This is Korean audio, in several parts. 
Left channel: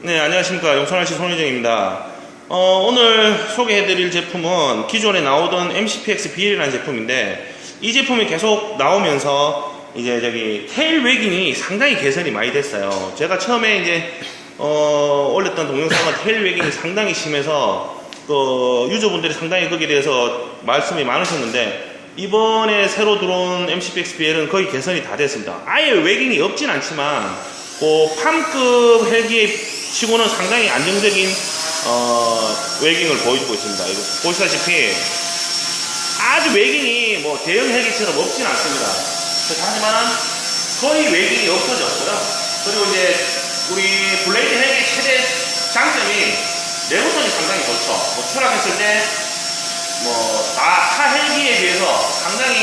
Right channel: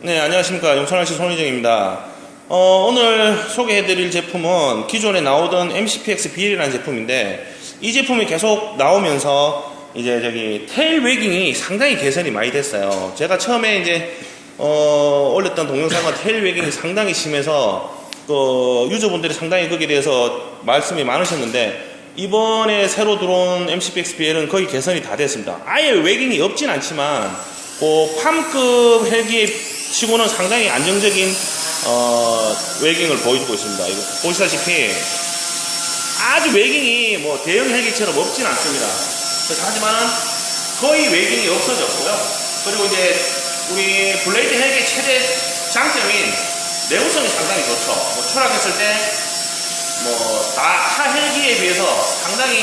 네, 안녕하십니까. 용산할시 손희정입니다. 어, 오늘 소개해드릴 제품은 기존에 나오던 MCPX BL이라는 제품인데, 이 제품이 계속 나오면서, 이제 저기, 테일 웨깅이 상당히 개선이 많이 됐어요. 제가 처음에 이제, 어, 올렸던 동영상은 테일 웨깅이 상당히 심해서, 그, 유저분들이 상당히 거기에 대해서 말씀이 많으셨는데, 이번에 새로 들어온 MCPX BL은 거의 개선이 다 됐습니다. 아예 웨깅이 없진 않지만, 그 팜급 헬기 치고는 상당히 안정적인 어, 웨깅을 보여주고 있습니다. 이거 보시다시피 아주 웨깅이 뭐 대형 헬기처럼 없진 않습니다. 하지만 거의 웨깅이 없어졌고요. 그리고 이제 우리 블레이드 헬기 최대 장점인 내구성이 상당히 좋죠. 뭐 추락했을 때 뭐다 헬기에 비해서 상당히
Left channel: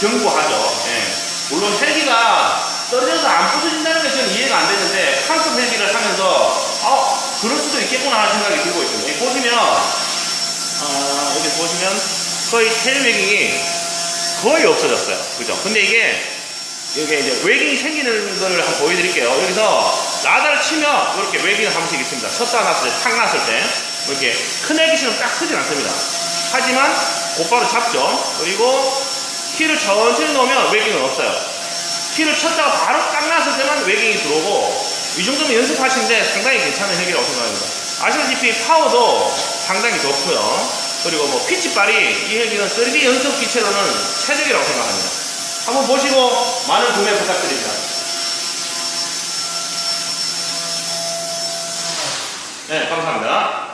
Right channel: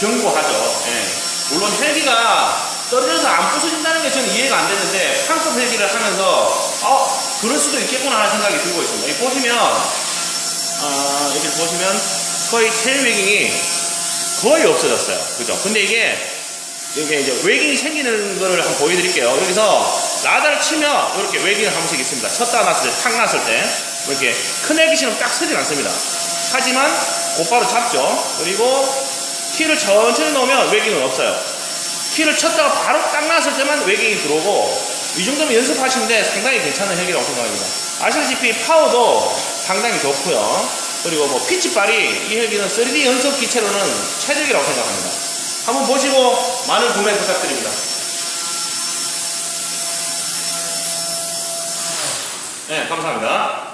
견고하죠. 예. 물론 헬기가 떨어져서 안 부서진다는 게 저는 이해가 안 되는데 한급 헬기를 하면서 어 그럴 하는 생각이 들고 있습니다. 여기 보시면 어, 이렇게 보시면 거의 테일 웨깅이 거의 없어졌어요. 그죠? 근데 이게 이게 이제 웨깅이 생기는 걸 한번 보여드릴게요. 여기서 라다를 치면 이렇게 웨깅을 한 번씩 있습니다. 쳤다 놨을 때, 탁 놨을 때 이렇게 큰 헬기처럼 딱 서진 않습니다. 하지만 곧바로 잡죠. 그리고 키를 천천히 놓으면 웨깅은 없어요. 키를 쳤다가 바로 딱 놨을 때만 웨깅이 들어오고 이 정도면 연습하시는데 상당히 괜찮은 헬기라고 생각합니다. 아시다시피 파워도 상당히 좋고요. 그리고 뭐 피치발이 이 헬기는 3D 연속 기체로는 최적이라고 생각합니다. 한번 보시고 많은 구매 부탁드립니다. 네, 감사합니다.